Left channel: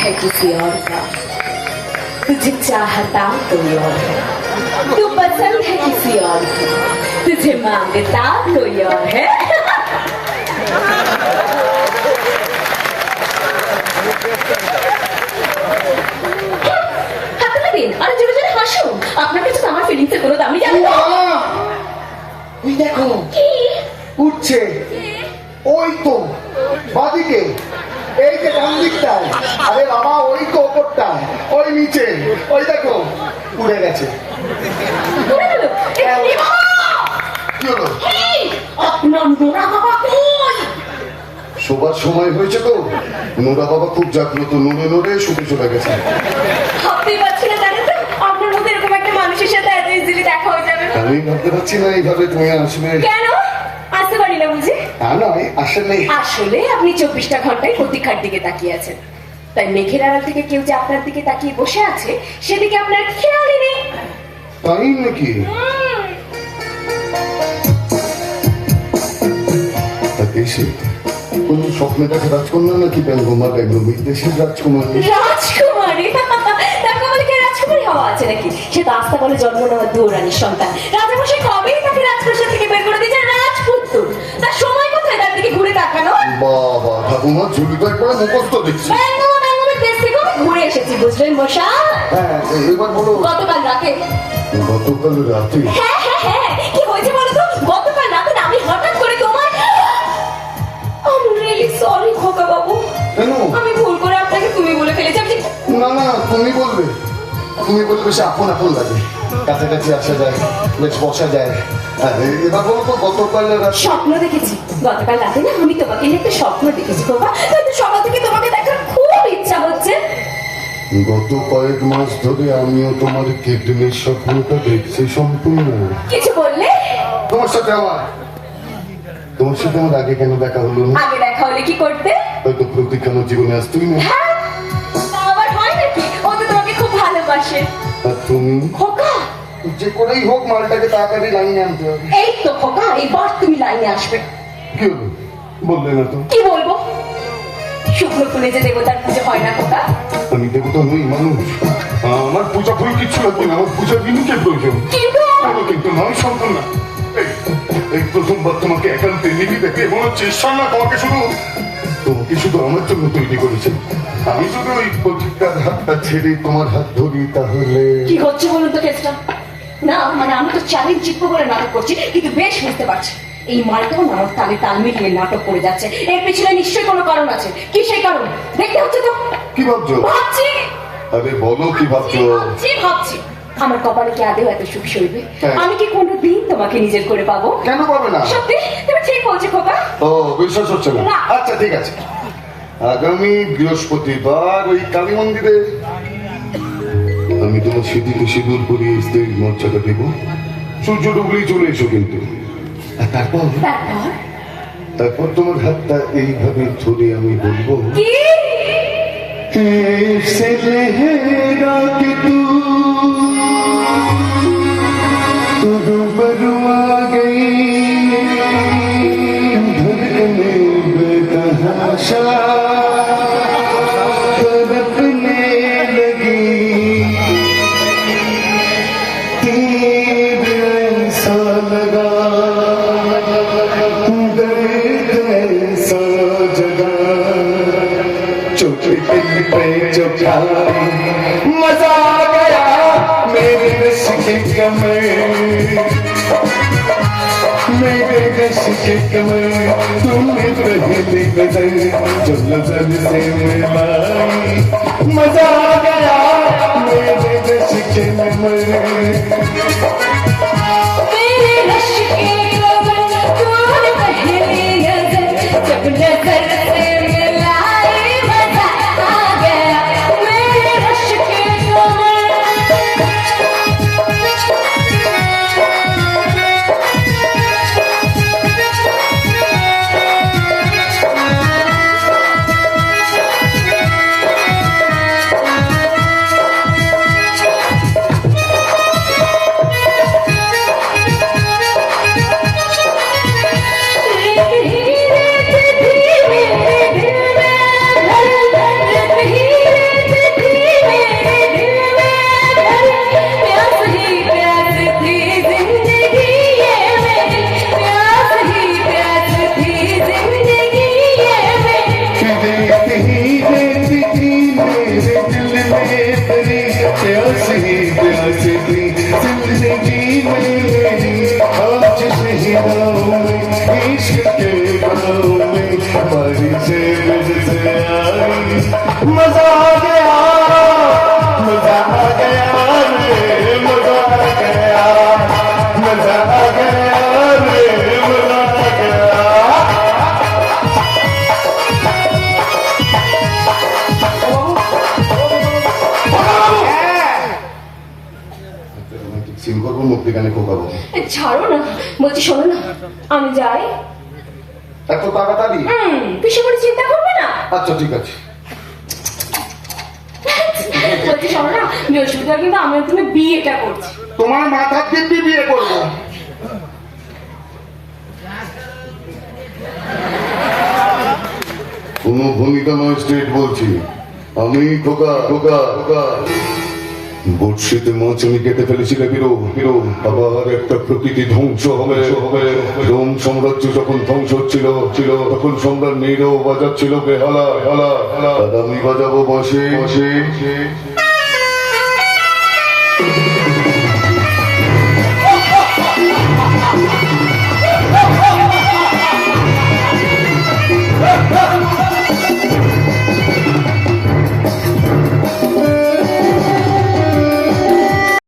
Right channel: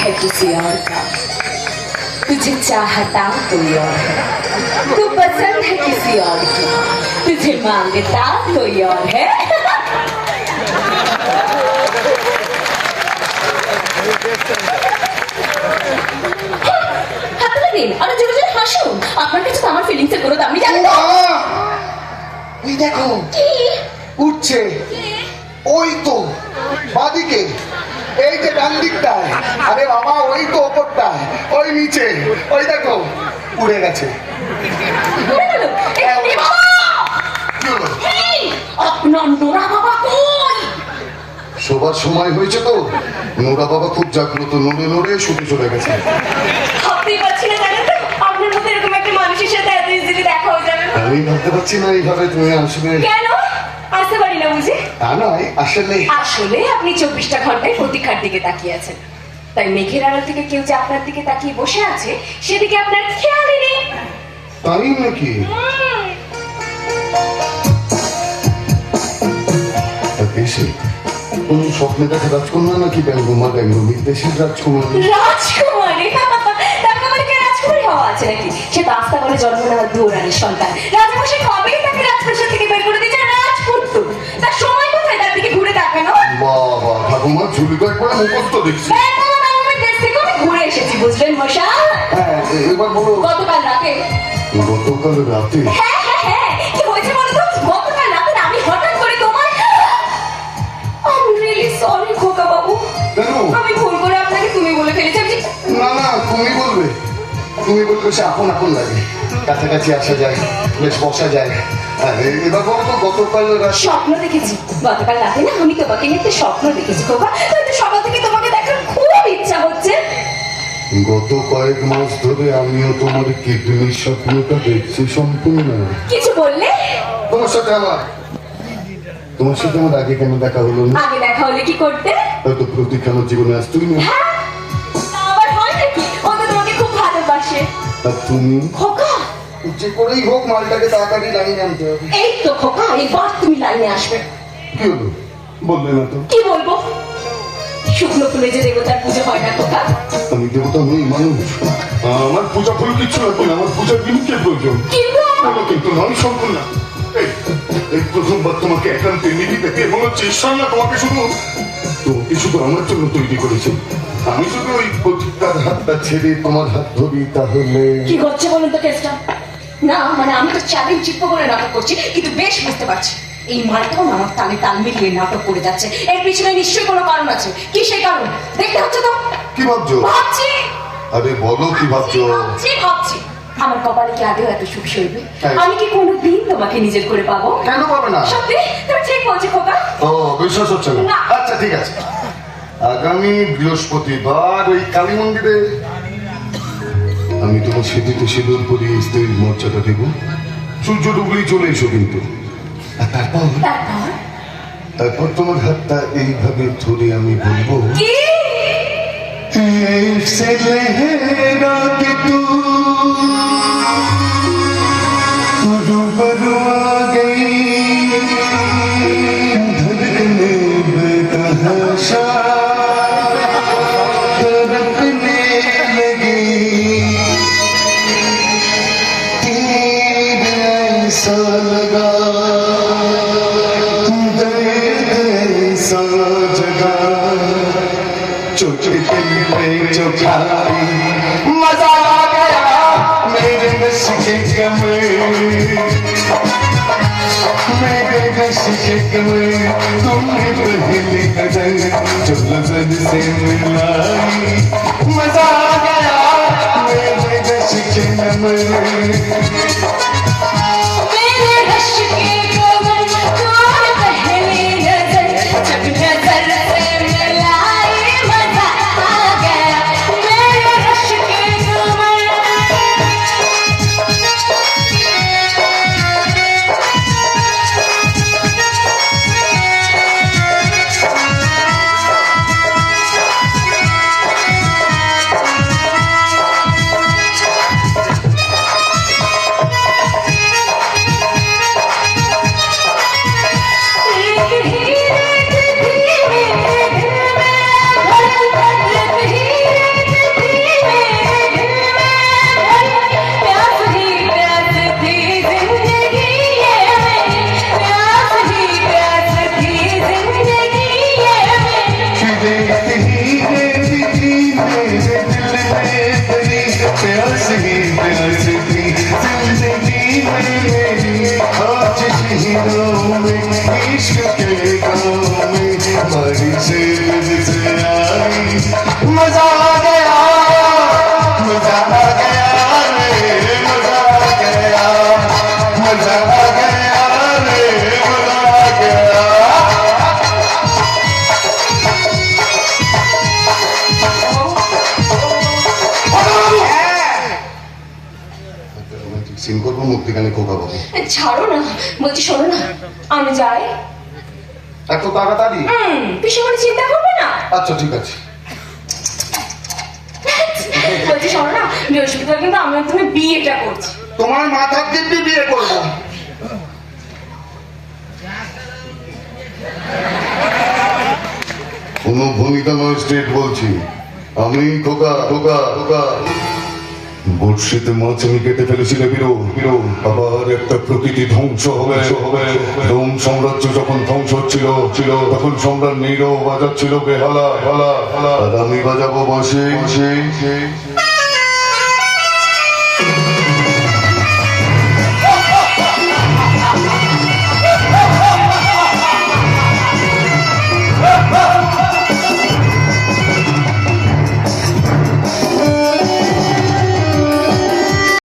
है किसी और का तुझे चाहता कोई और है तू पसंद है किसी और की तुझे मांगता कोई और है হাতে লাগিন আরে জোরে জোরে হাসুন আপনার কাছে তো আমার ফিলিংসের কোনো দামই জানি না মা! এই দেখো কি উঠছে ওই তো বাদিকে এই যে ডান দিকটায়। আরে বাবা ওই তো ওপরটায় ওই নিচে ওই দেখো উড়ে গেছে। শোবার সময় হয়েছে তো। নোরা বাবা খুব জাগ্রত নড়ে নড়ে শুধু চলে গেছে। আমি ভাবতে পারছি না এইভাবে তুমি আসবে কেন? বুঝি তা নয় আসলে আসলে আপনি চব্বিশটা ঘন্টায় প্রতীক্ষার দিকে তাকিয়ে আছেন। তাই মেঘের আড়াল থেকে কেউ যে আপনার দিকে তাকিয়ে বসে আছে সেদিকে আপনার খেয়ালই নেই। তাই নাকি? স্বপ্নে দেখা রাজকন্যা নাকি ব্যঙ্গমা ব্যঙ্গমী দেশের রাজকুমারী? রাজকুমারী? রাজকুমারী হওয়া আছে নাকি? সে তো আস্তা করে জন্ম নেওয়া দুরানির সন্তান। রাজামশাই কবেই তাকে রাজপ্রাসাদ থেকে বের করে দিয়েছে রাজপুত্র তার সময় কোথায় তার দিকে ঘুরে তাকানো বাবা ঠাকুমা ঝুলি কয়েকবার মুখস্থ দেখছি। আমি ঘুরে এসেছি বুঝলেন মশা হ্যাঁ এবার বলো। গতকাল রাতে। গতকাল রাতে? হ্যাঁ হ্যাঁ হ্যাঁ তুমি বলবে বেশ আপন আপন লাগে। কাছাকাছি আসা যায় বেশ বসা যায়। হ্যাঁ, এবার বলো তো গতকাল স্বপ্ন দেখেছি। গতকাল রাতে না আমি তোমাকে নিয়ে একটা স্বপ্ন দেখেছি খোকা হয়তো সকাল থেকে তোমাকে দেখার খুব ইচ্ছা হচ্ছে। গত কয়েক মাস ধরে আমিও তোমার কিডনির স্বপ্নটা দেখছি সম্পূর্ণ। কিছু বললে? তোমার সাথে আমার তোমার সাথে আমার আগে কেন দেখা হলো না? আগে দেখা হলে কি করতে? হয়তো প্রতীক্ষানোর জীবনে আসতেই না তা তুমি? খোকা! যে করেই হোক মালটাকে তাড়াতাড়ি লাইনে আনতে হবে। এই তো খোকা এবার তুমি লাইনে আসবে। কি হলো? বললে না তো। কি বলব? শুক্র ফুলে যে দেবতার পুজো হয় না খোকা। আমি দেবতা নই মানুষ। আমার পূজা ফুল লাগবে না আমার পূজার জিনিসের প্রয়োজন। কিন্তু কোনো কিন্তু সম্ভব না। এই- প্রথমবার তোমাকে একান্তে নিবিতে মনে হচ্ছে ঈশ্বর না তোমাকে শুধু। তোমাকে শুধু আমার জন্য তৈরি করেছেন আমি শুধু ওই প্রতিটার হাতটা ছেড়ে তোমার হাত ধরি তাহলে। কি হচ্ছে বলুন তো কেসটা? না মানে আমি তো চ্যালেঞ্জ জিতবো বলে নাটক করছি কিন্তু বেশ বুঝতে পারছি এই মালটাও না আমার তালে তাল মিলিয়ে নাটক করে যাচ্ছে। এর পিছনে নিশ্চয়ই কোনো কারণ আছে। কি সেই কারণ? দেখতে হচ্ছে তো। কি ভাবছ? ভাবছি। আরে বলো কি ভাবছ? ভাবছি ভাবছি আমার কপালে কি আদেও এত সুখ সইবে। আমি কি কোনোদিন তোমাকে নিজের করে পাবো? কেন পাবে না? সত্যি? তুমি ঠিক বলছো খোকা। ও বিশ্বাস হচ্ছে না। আচ্ছা ঠিক আছে। আগামী বৃহস্পতিবার ওই কালী মন্দিরে। আমি তোমার স্মৃতিতে সিঁদুর পরিয়ে স্ত্রীর মর্যাদা দেব। সূর্য ডুবলেই চলে এসো কিন্তু। আর তারপর? তারপর? তোমার হাতটা এইভাবে ধরে আমি বলব কি? छोटे दिल पे चौखाई मजा आ गया मेरे रस के कमर मेरे रस के कमर तुमने पहली नजर जो नजर से मिलाई मजा आ गया मेरे रस के कमर খোকা বাবু ছাড়ো না বলছি শোনো না আমি যাই। এত তাড়াতাড়ি? হুম পিসুমণি চিন্তা করবে না? আচ্ছা ঠিক আছে। বলছি শোনো না বৃহস্পতিবার কিন্তু আমি তুমি বিয়েটা করছি। তোমার মাথার দিব্যি বিয়ে করব। কোনো ভূমিকা নয় স্টেট বলছি। আমি খোকা খোকা খোকা। বর্ষিতে মাছ আমি কেটে ফেলেছিল বিরো বিরো আবার একটা প্রকৃতি ধ্বংস হবে। হবে রোম সাম্রাজ্য যখন ধ্বংস হচ্ছিল ছিল তখন সম্রাট নিরো বাজাচ্ছিল বেহালা হালা হালা আর আমি বাজাবো বাঁশি বাঁশি।